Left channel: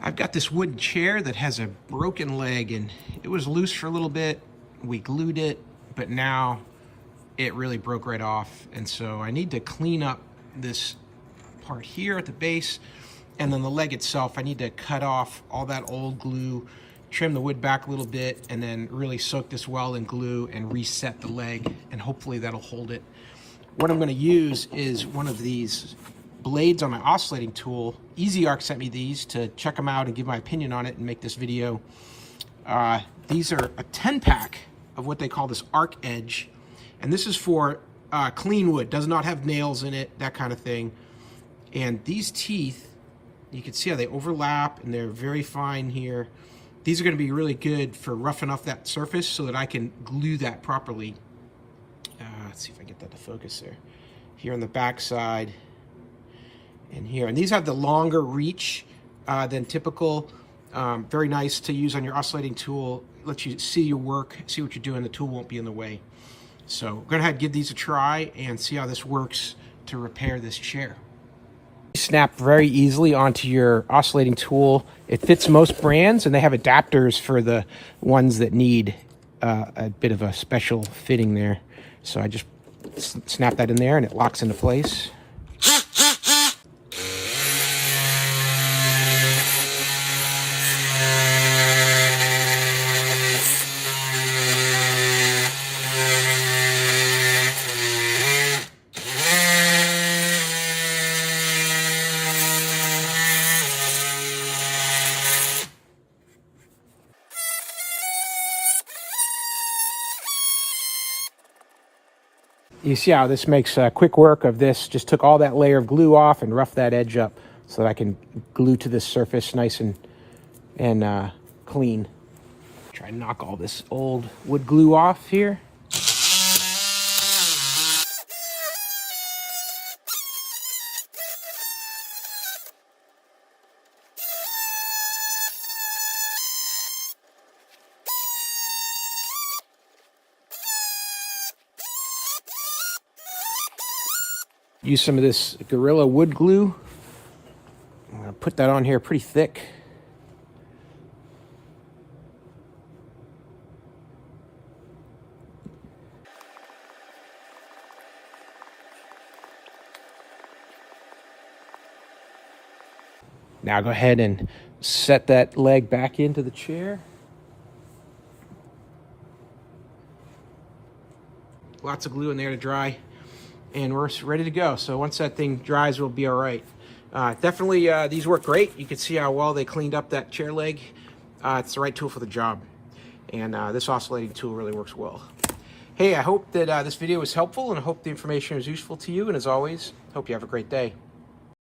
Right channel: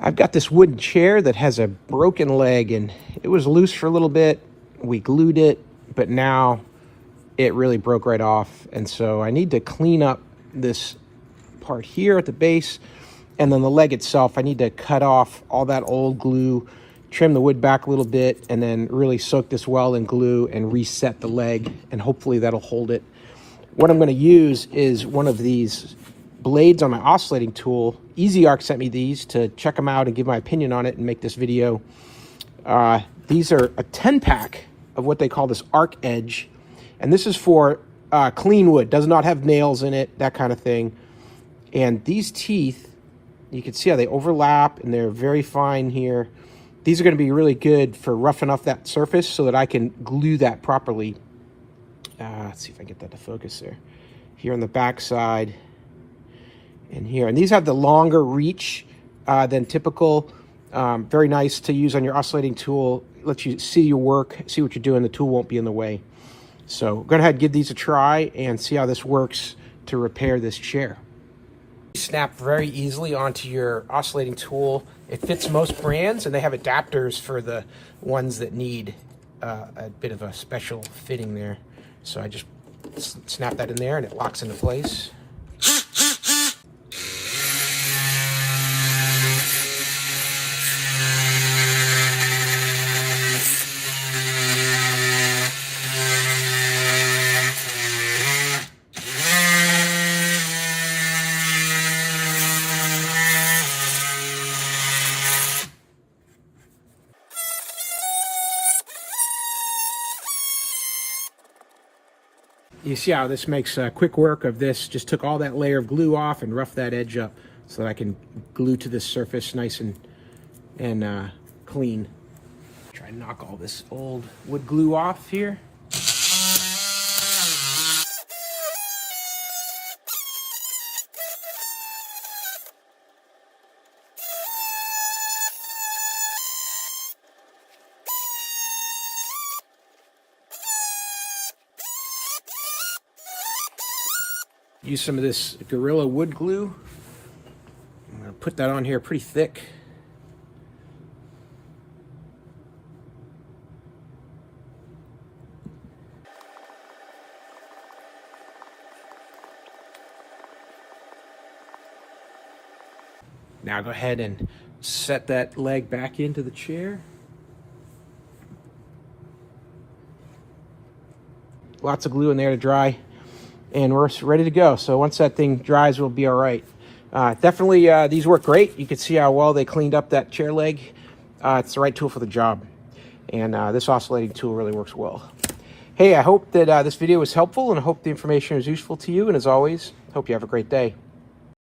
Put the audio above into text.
I've got this wooden chair that has a broken leg, and it was loose for a little bit. We glued it, but now it really broke right off. And so I need to clean up this part here at the base, and then the leg itself. I need to cut off all that old glue, trim the wood back a little bit, and then really soak this well in glue and reset the leg, and hopefully that'll hold it. What I'm going to use is one of these blades on my oscillating tool. EZARC sent me these to check them out and give my opinion on it and make this video. These are a 10-pack of what they call this arc edge, and this is for clean wood. Does not have nails in it, that kind of thing. And these teeth, you can see how they overlap, and they're very fine here. These are going to be really good for roughing up that surface so that I can glue that properly. Let's see if I can get that to focus there. Here on the back side and here. And these have the longer reach than typical. Very nice to use on your oscillating tool. Lets you see your work, see what you're doing. The tool won't be in the way. So go ahead and give these a try and see how this works to repair this chair. Snap very easily onto your oscillating tool. It fits most brands, and they have adapters for the ones that need a bit of a special fitting there. So I just snap that in there and it locks into place. You see how this makes quick work of this. Just took all that layer of glue off and roughed that edge up so that I can glue to this surface nice and clean. Try and knock all this old wood glue off here. Use some of this Gorilla wood glue. I'm going to put that on here pretty thick. Now go ahead and set that leg back into the chair. Lots of glue in there to dry. And we're ready to go. So once that thing dries, we'll be all right. Definitely, these work great. You can see how well they cleaned up that chair leg. It's the right tool for the job. And this oscillating tool really works well. Hey, I hope that this video was helpful, and I hope the information is useful to you. And as always, hope you have a great day.